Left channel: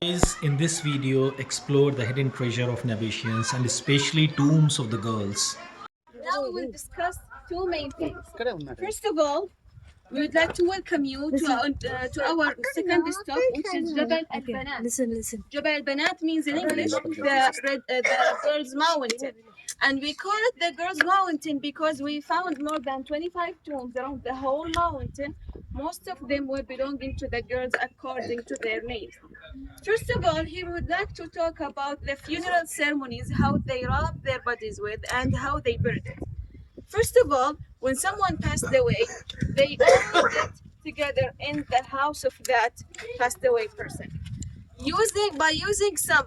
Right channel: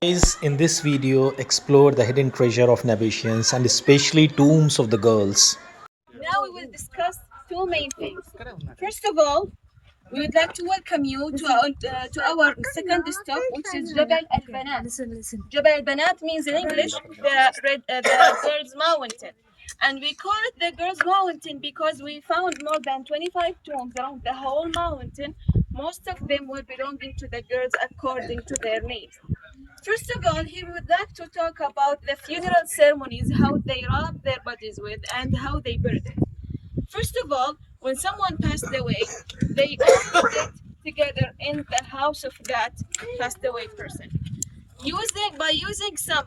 Guys, in this video, explore the hidden treasure of Nabateans and especially tombs of the girls. Now we will discuss two main things. First of all, we would like to welcome you to our second stop, which is Jabal Al Banat. Jabal Al Banat means in English the Girls Mountain. And we call it the Girls Mountain because we found more than 25 tombs around the whole mountain. Most of them were belonging to the girls according to their names. First of all, he would like to talk about the funeral ceremonies, how they wrap their bodies with, and how they buried it. First of all, when someone passed away, they all get together in the house of that passed away person. By using some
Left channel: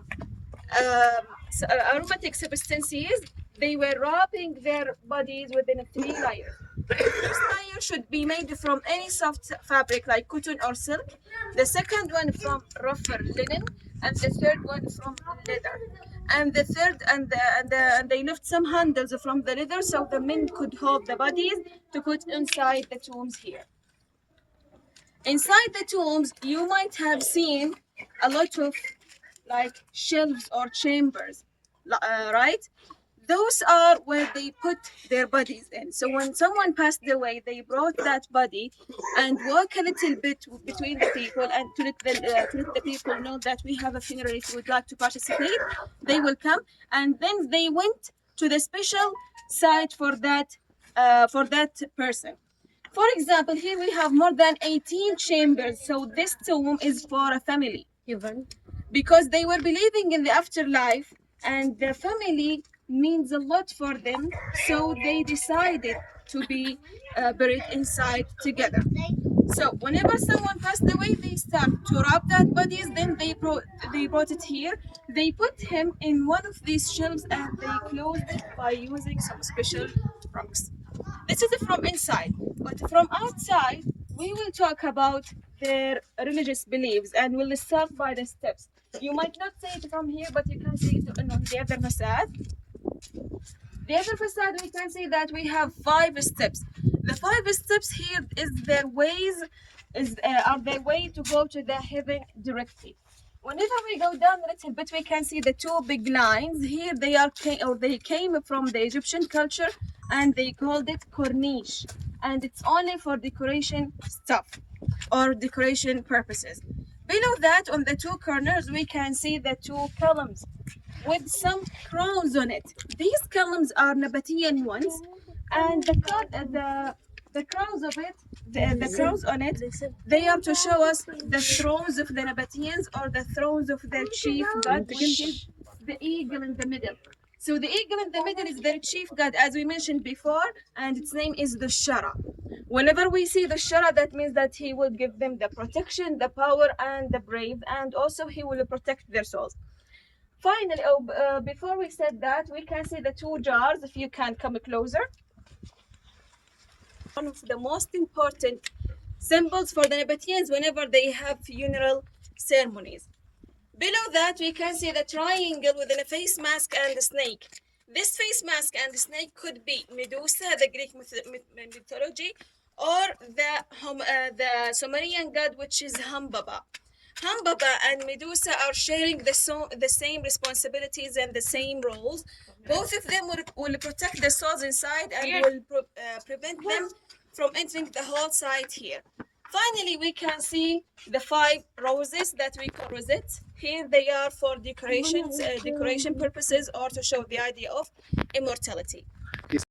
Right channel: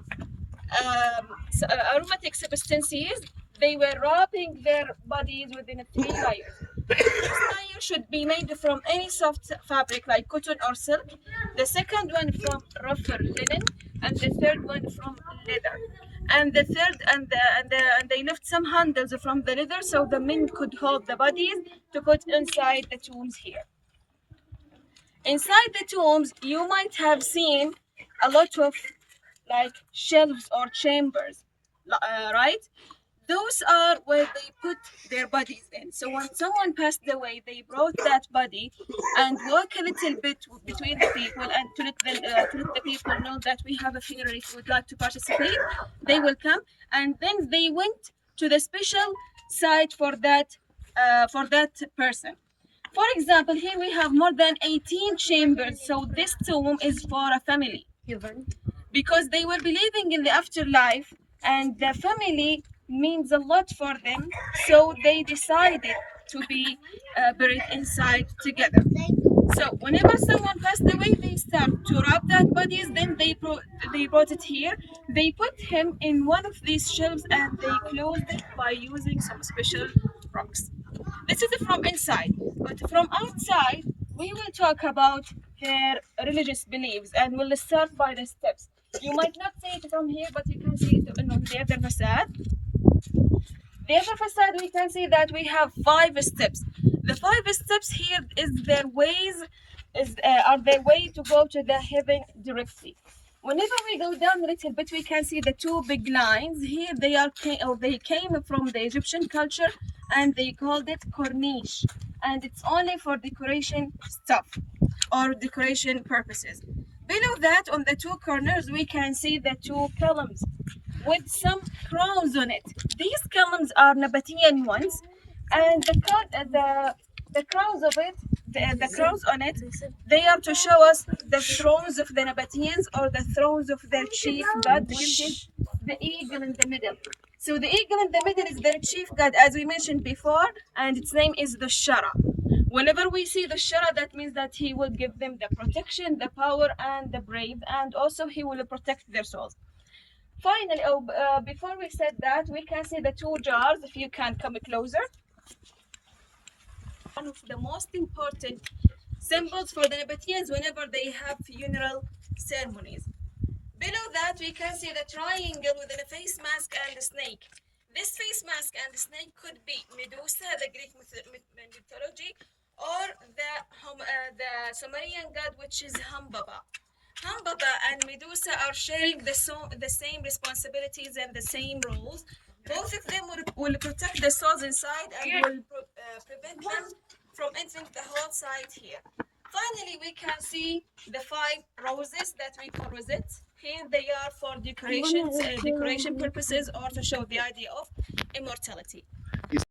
aromatic substances, they were wrapping their bodies within 3 layers. The first layer should be made from any soft fabric like cotton or silk. The second one from rougher linen, and the third one from leather. And the third, and they left some handles from the leather so the men could hold the bodies to put inside the tombs here. Inside the tombs, you might have seen a lot of like shelves or chambers, right? Those are where they put their bodies in. So when someone passed away, they brought that body and walk a little bit between the people and to let the people know that we have a funeral. If you would like to participate, they will come. And then they went to the special site for that person. For example, here we have more than 18 chambers. So this tomb is for a family because they were believing in the afterlife and the family means a lot for them, so they decided to be buried inside together. So whenever someone passed away, they start to wrap that bodies, then they brought it here, they put him in one of these shelves and they closed it by using some special rocks. This is from inside, but from outside we will talk about their religious beliefs and we'll start by the steps. You might not see it from here, but you can see it on the other facade. The other facade, we can see that we have 5 steps. The 5 steps here are their way to go to the heaven directly. Whenever we go down a little bit, we can see the 2 big lines here. They came from the Egyptian culture, and they called it corniche, and it's only for decoration stuff or decoration purposes. Below that, on the 2 corners, we can see the 2 columns with some crowns on it. These columns are Nabatean ones, and the crowns of it, the crowns on it, they are to show us the thrones of the Nabateans or the thrones of their chief god, which is the eagle in the middle. So the eagle in the middle is their chief god, as we mentioned before, and its name is the Shara. Whenever we see the Shara, that means that he will give them the protection, the power, and the brave, and also he will protect their souls. Finally, before we said that, we can see the 2 jars, if you can come closer. One of the most important symbols for the Nabateans whenever they have funeral ceremonies. Below that, we can see the triangle within a face mask and a snake. This face mask and the snake could be Medusa, the Greek mythology, or the Sumerian god, which is Hambaba. Hambaba and Medusa are sharing the same responsibilities and the same roles. Both of them will protect the souls inside and will prevent them from entering the whole site here. Finally, we can see the 5 roses that we call rosettes. Here they are for decoration purposes or to show the idea of immortality.